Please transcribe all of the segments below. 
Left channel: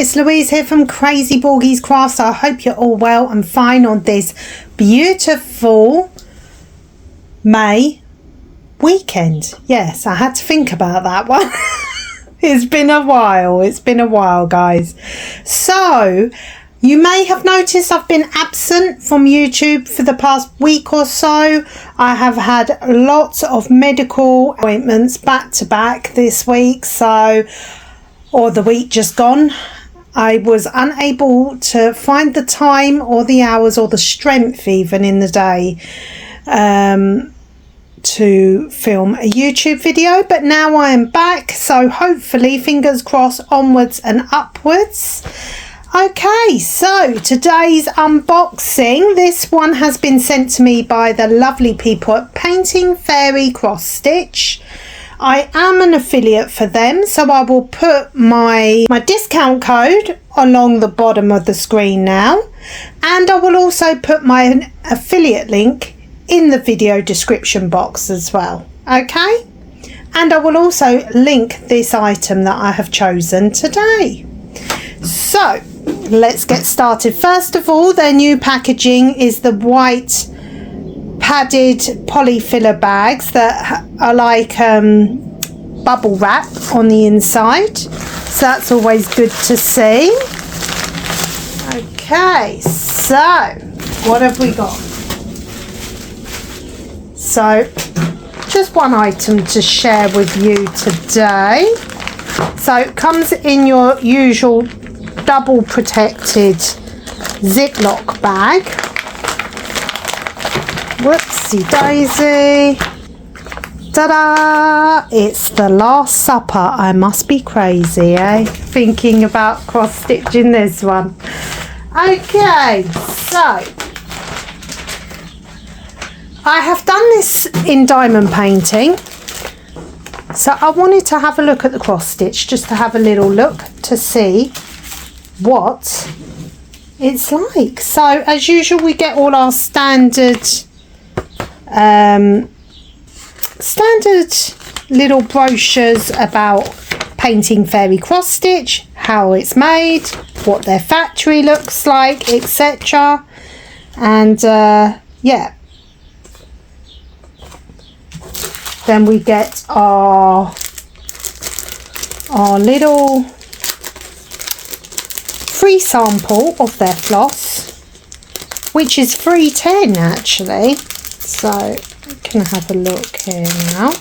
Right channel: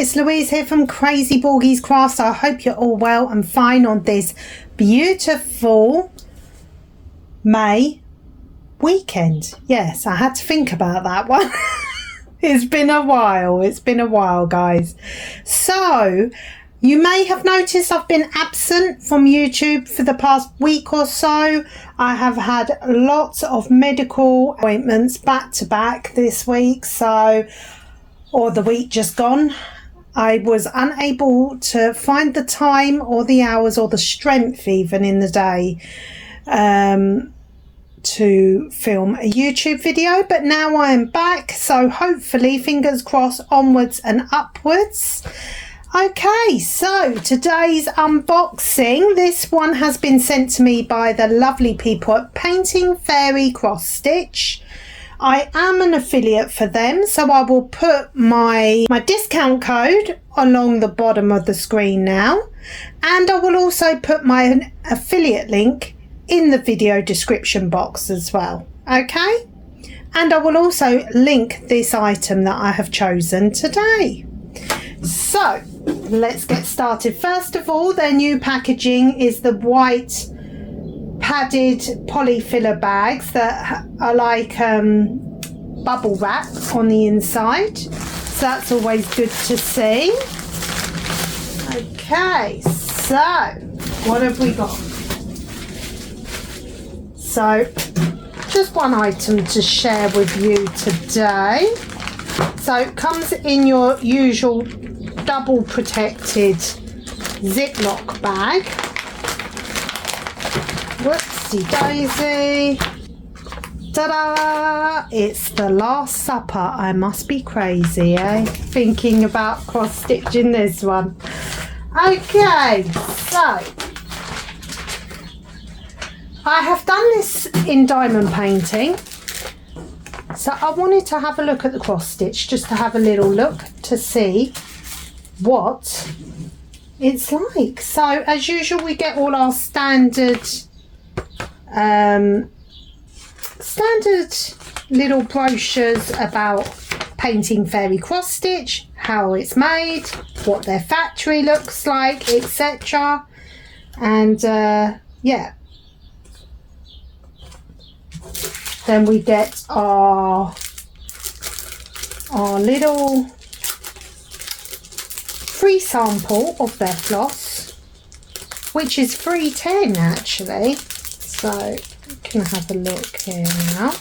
it's Louise here from Crazy Borgies Crafts. I hope you're all well and fine on this beautiful May weekend. Yes, I had to think about that one. It's been a while, guys. So you may have noticed I've been absent from YouTube for the past week or so. I have had lots of medical appointments back to back this week, or the week just gone. I was unable to find the time or the hours or the strength even in the day to film a YouTube video, but now I am back, so hopefully, fingers crossed, onwards and upwards. Okay, so today's unboxing, this one has been sent to me by the lovely people at Painting Fairy Cross Stitch. I am an affiliate for them, so I will put my discount code along the bottom of the screen now, and I will also put my affiliate link in the video description box as well. Okay, and I will also link this item that I have chosen today. So let's get started. First of all, their new packaging is the white padded polyfiller bags that are like bubble wrap on the inside, so that's always good to see. Okay, so what have we got? So just one item to share with you today. So it comes in your usual double protected Ziploc bag. Whoopsie daisy. Ta-da! It's the Last Supper. I must be crazy, eh? Thinking about cross-stitching this one. Okay, so I have done this in diamond painting. So I wanted to have a look at the cross-stitch, just to have a little look to see what it's like. So as usual, we get all our standard little brochures about Painting Fairy Cross Stitch, how it's made, what their factory looks like, etc. And yeah, then we get our little free sample of their floss, which is $3.10 actually. So we can have a look here now.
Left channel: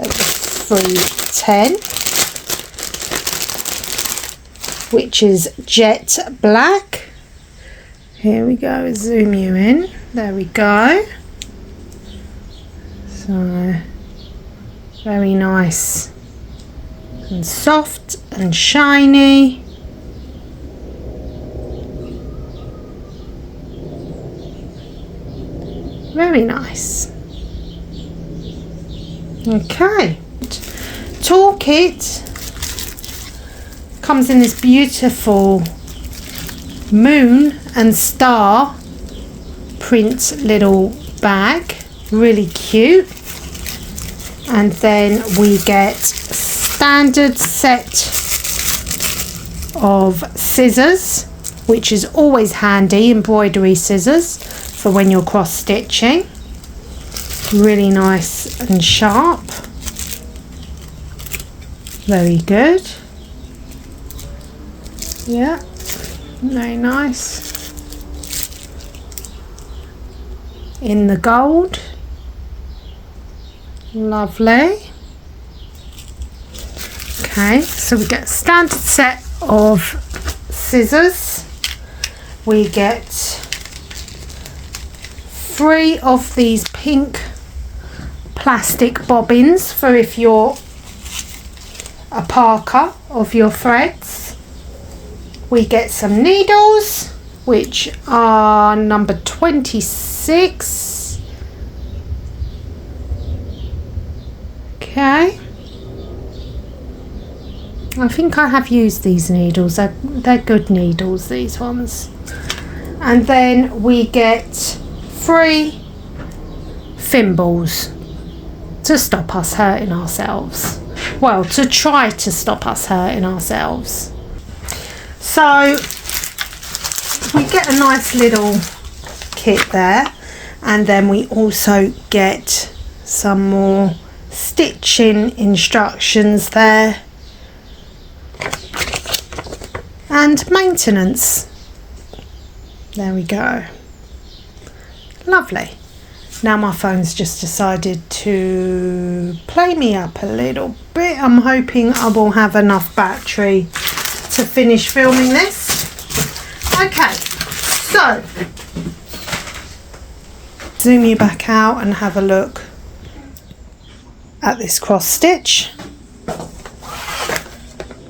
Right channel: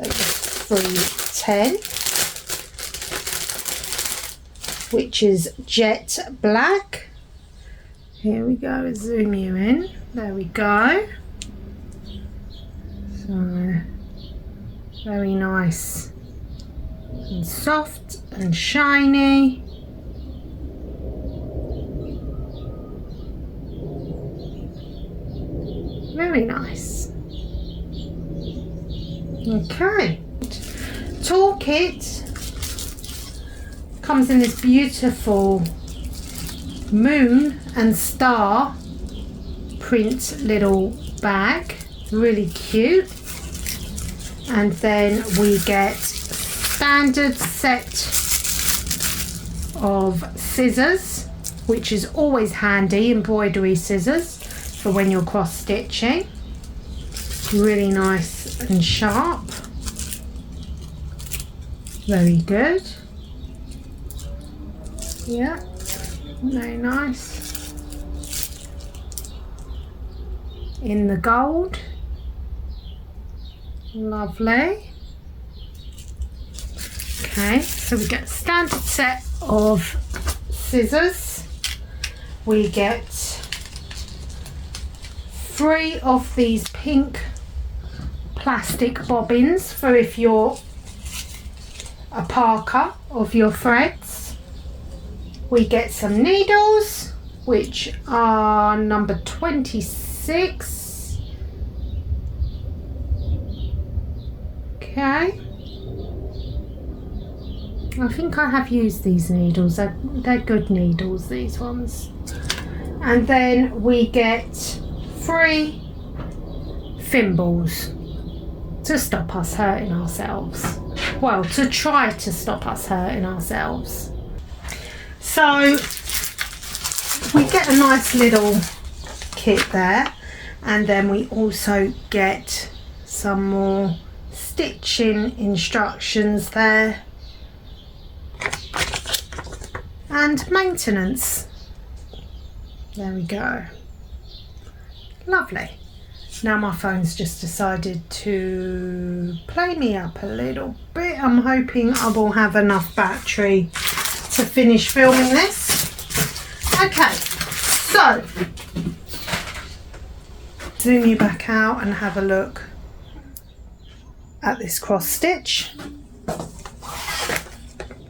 $3.10, which is jet black. Here we go, zoom you in. There we go. So very nice and soft and shiny. Very nice. Okay, toolkit comes in this beautiful moon and star print little bag, really cute. And then we get standard set of scissors, which is always handy, embroidery scissors for when you're cross stitching. Really nice and sharp. Very good. Yeah, very nice. In the gold. Lovely. Okay, so we get a standard set of scissors. We get 3 of these pink plastic bobbins for if you're a parker of your threads. We get some needles, which are number 26. Okay, I think I have used these needles. They're good needles, these ones. And then we get 3 thimbles to stop us hurting ourselves. Well, to try to stop us hurting ourselves. So we get a nice little kit there, and then we also get some more stitching instructions there and maintenance. There we go. Lovely. Now my phone's just decided to play me up a little bit. I'm hoping I will have enough battery to finish filming this. Okay, so zoom you back out and have a look at this cross stitch.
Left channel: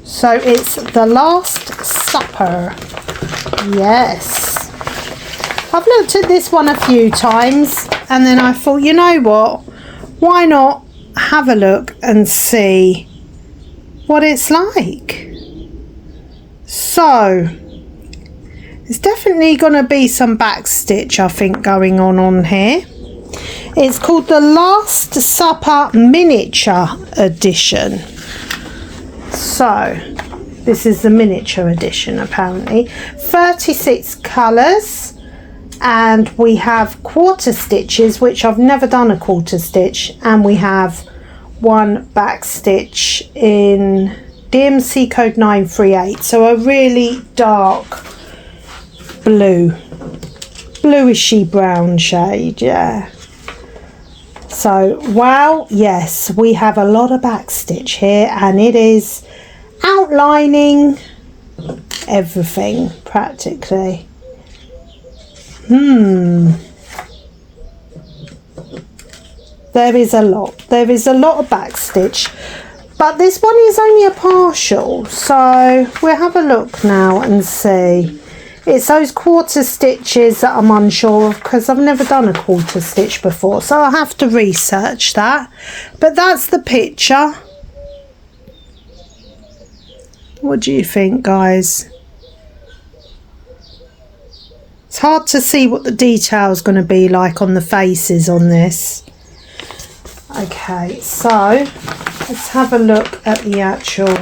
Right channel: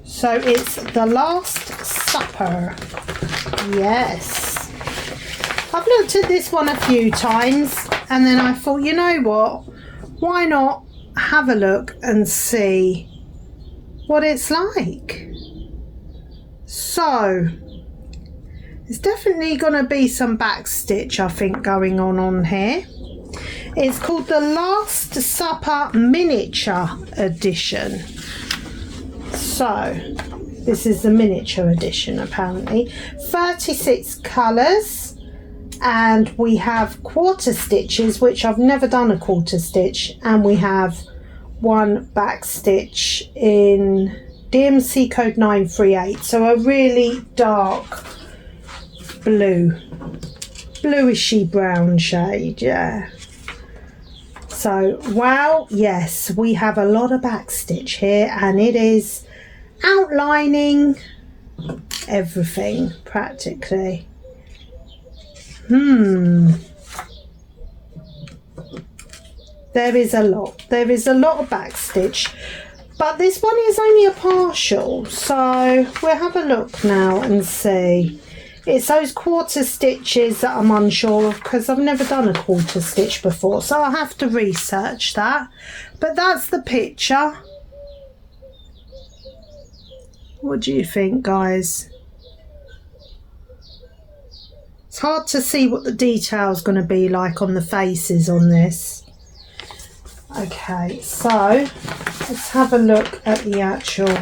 So it's the Last Supper. Yes, I've looked at this one a few times, and then I thought, you know what, why not have a look and see what it's like. So there's definitely going to be some back stitch, I think, going on here. It's called the Last Supper Miniature Edition. So this is the miniature edition, apparently. 36 colours, and we have quarter stitches, which I've never done a quarter stitch, and we have one back stitch in DMC code 938, so a really dark blue, bluishy brown shade. Yeah, so wow, yes, we have a lot of back stitch here, and it is outlining everything practically. There is a lot of back stitch, but this one is only a partial, so we'll have a look now and see. It's those quarter stitches that I'm unsure of, because I've never done a quarter stitch before, so I'll have to research that. But that's the picture. What do you think, guys? It's hard to see what the detail's going to be like on the faces on this. Okay, so let's have a look at the actual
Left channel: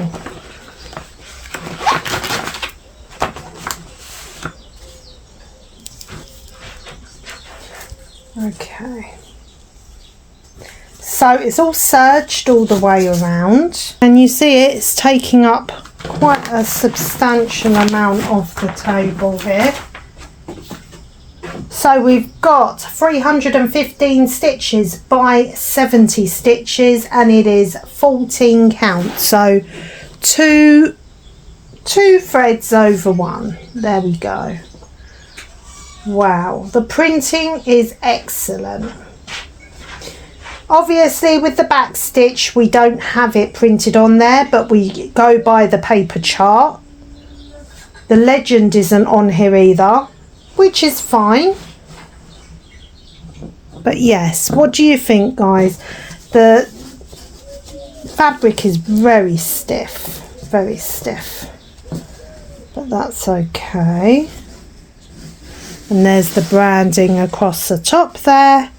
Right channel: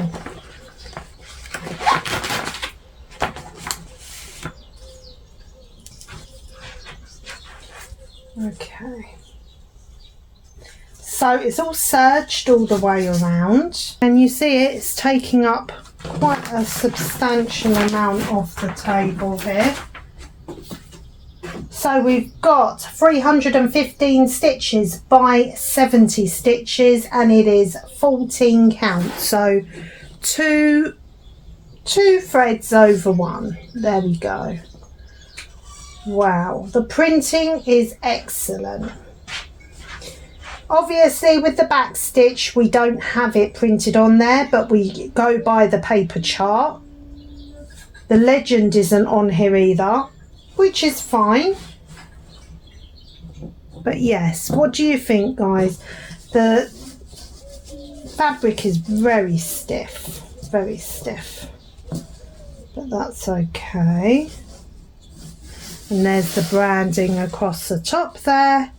okay. So it's all serged all the way around, and you see it's taking up quite a substantial amount of the table here. So we've got 315 stitches by 70 stitches, and it is 14 count, so two threads over one. There we go. Wow, the printing is excellent. Obviously with the back stitch we don't have it printed on there, but we go by the paper chart. The legend isn't on here either, which is fine. But yes, what do you think, guys? The fabric is very stiff, but that's okay. And there's the branding across the top there,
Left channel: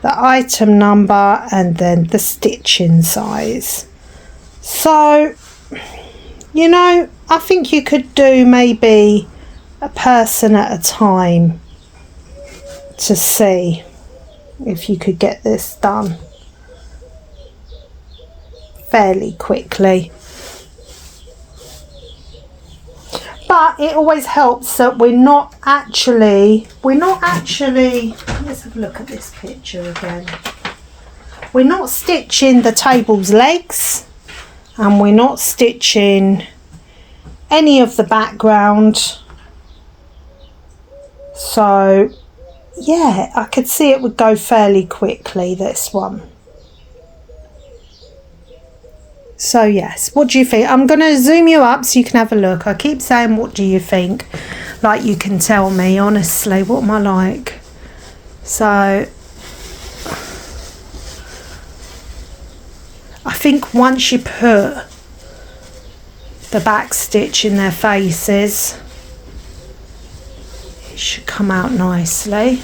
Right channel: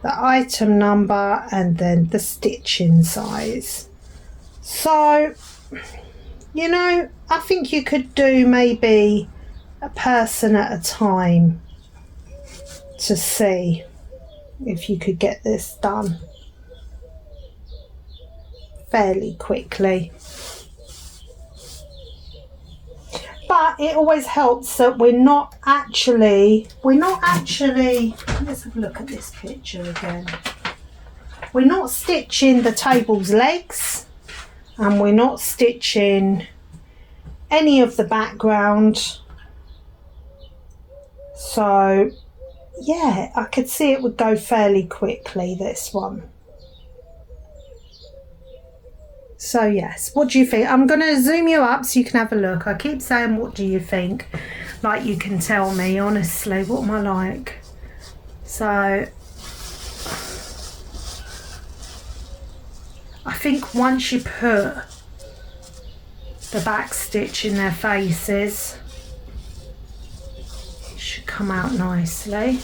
the item number, and then the stitching size. So, you know, I think you could do maybe a person at a time to see if you could get this done fairly quickly. But it always helps that we're not actually, let's have a look at this picture again. We're not stitching the table's legs, and we're not stitching any of the background. So yeah, I could see it would go fairly quickly, this one. So yes, what do you think? I'm going to zoom you up so you can have a look. I keep saying, what do you think? Like, you can tell me, honestly, what am I like? So I think once you put the back stitch in their faces, it should come out nicely.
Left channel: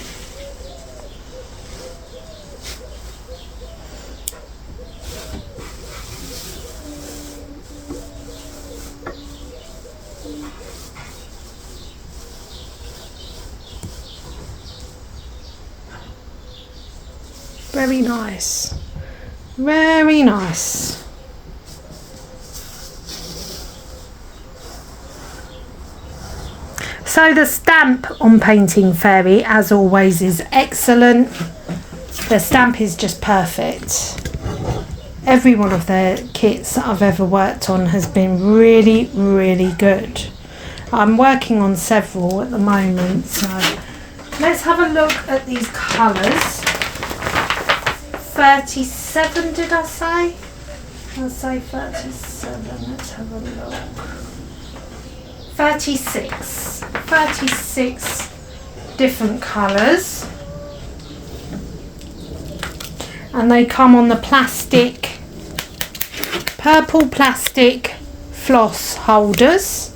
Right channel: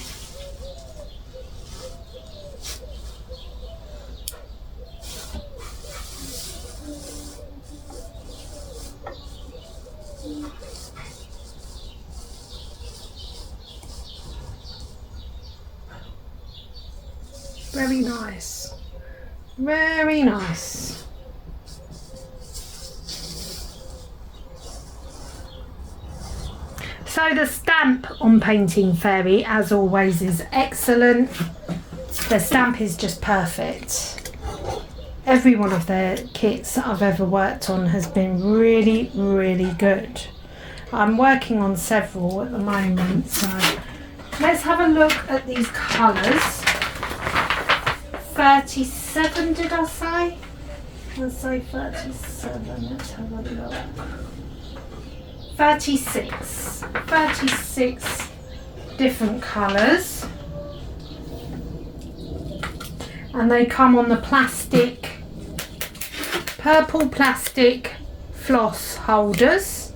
Very nice. Very nice. So the stamp on Painting Fairy, as always, is excellent. The stamp is just perfect. Every one of the kits that I've ever worked on has been really, really good. I'm working on several at the moment, so let's have a look at these colours. 37, did I say? I'll say 37. Let's have a look. 36 different colours, and they come on the plastic, purple plastic floss holders.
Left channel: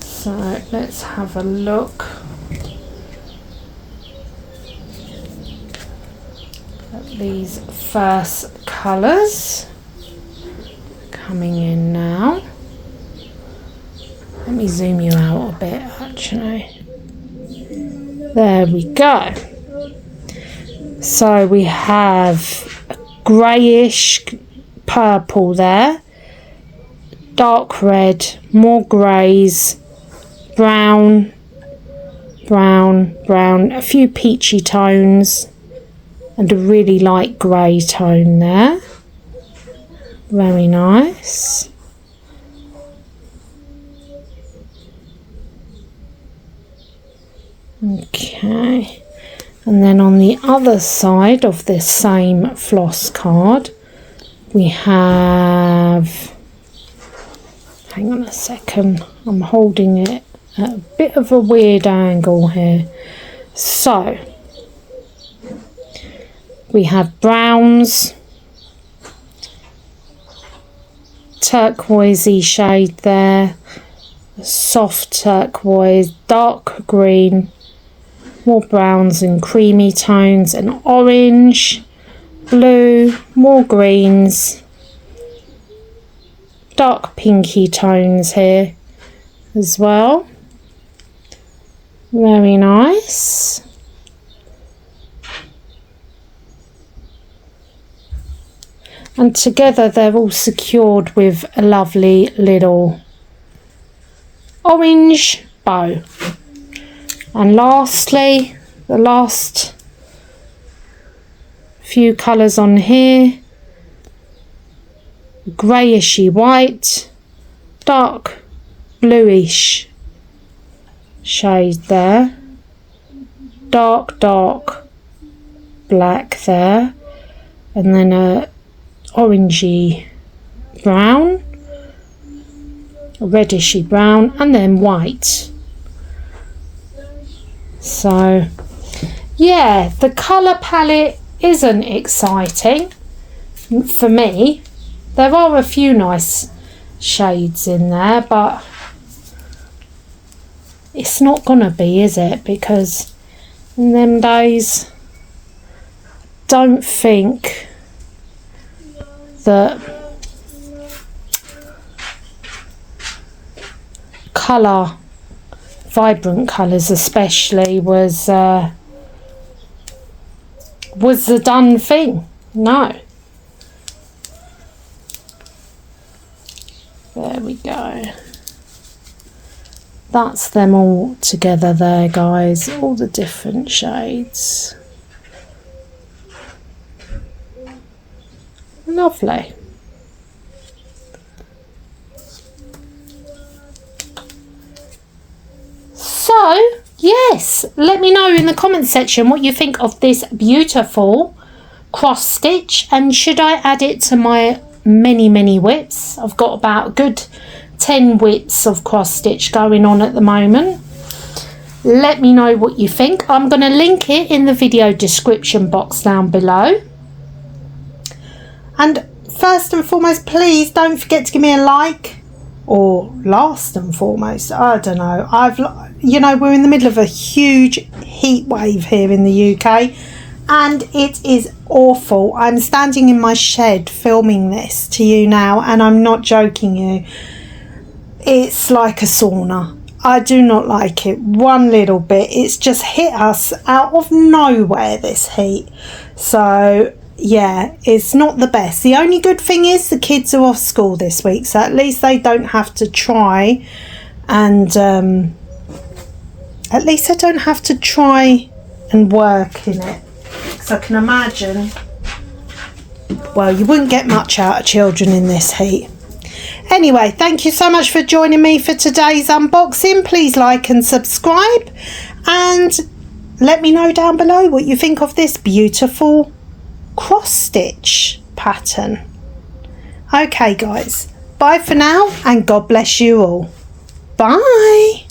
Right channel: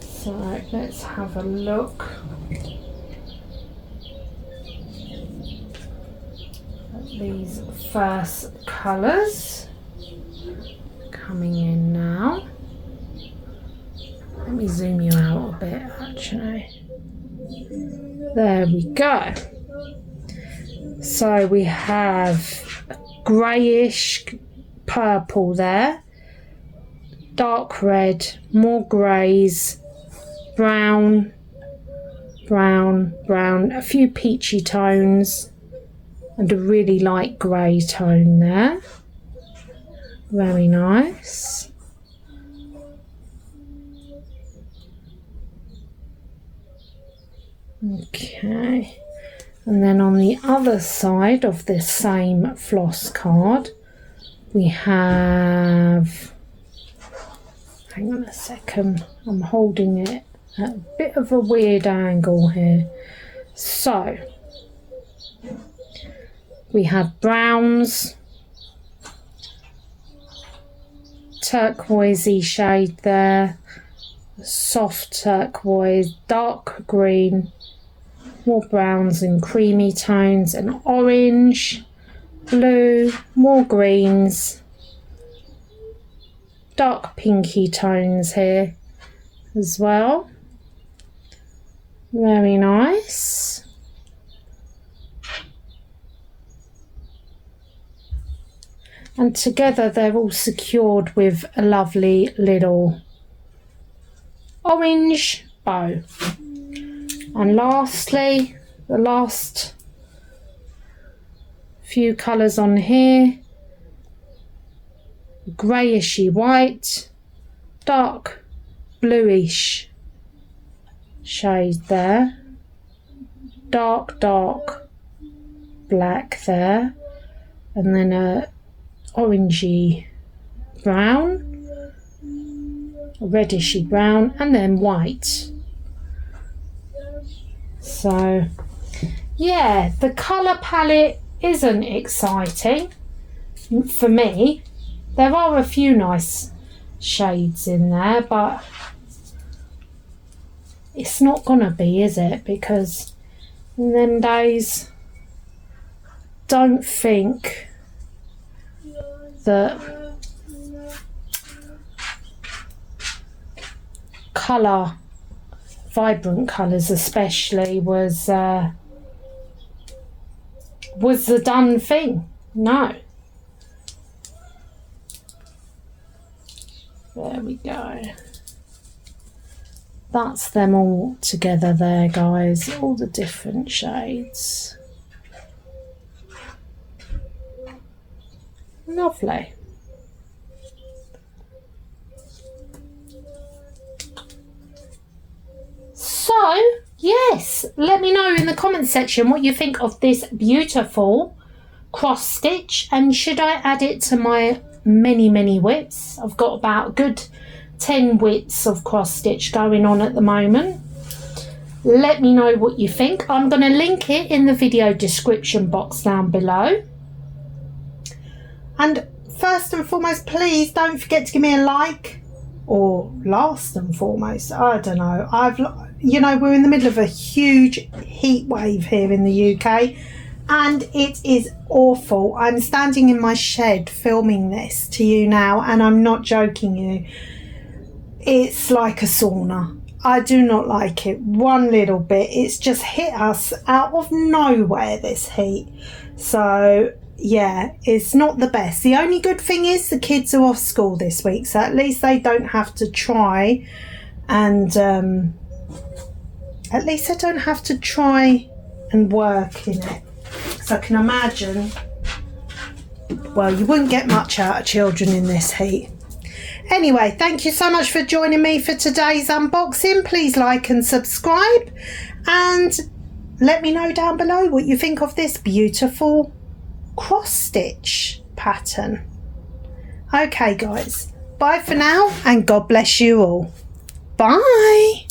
So let's have a look at these first colours coming in now. Let me zoom you out a bit, actually. There we go. So we have a greyish purple there, dark red, more greys, brown, brown, brown, a few peachy tones, and a really light grey tone there. Very nice. Okay, and then on the other side of this same floss card we have, hang on a second, I'm holding it at a bit of a weird angle here. So we have browns, turquoisey shade there, soft turquoise, dark green, more browns and creamy tones, and orange, blue, more greens, dark pinky tones here as well. Very nice. And together they're all secured with a lovely little orange bow. And lastly, the last few colours on here, greyishy white, dark bluish shade there, dark black there, and then a orangey brown, a redishy brown, and then white. So yeah, the colour palette isn't exciting for me. There are a few nice shades in there, but it's not gonna be, is it? Because in them days, don't think that colour, vibrant colours especially, was the done thing. No. There we go. That's them all together there, guys, all the different shades. Lovely. So yes, let me know in the comment section what you think of this beautiful cross stitch, and should I add it to my many whips. I've got about a good 10 whips of cross stitch going on at the moment. Let me know what you think. I'm going to link it in the video description box down below. And first and foremost, please don't forget to give me a like, or last and foremost, I don't know, we're in the middle of a huge heat wave here in the UK, and it is awful. I'm standing in my shed filming this to you now, and I'm not joking you. It's like a sauna. I do not like it one little bit. It's just hit us out of nowhere, this heat. So yeah, it's not the best. The only good thing is the kids are off school this week, so at least they don't have to try and at least I don't have to try and work in it, because I can imagine, well, you wouldn't get much out of children in this heat. Anyway, thank you so much for joining me for today's unboxing. Please like and subscribe, and let me know down below what you think of this beautiful cross stitch pattern. Okay guys, bye for now, and God bless you all. Bye.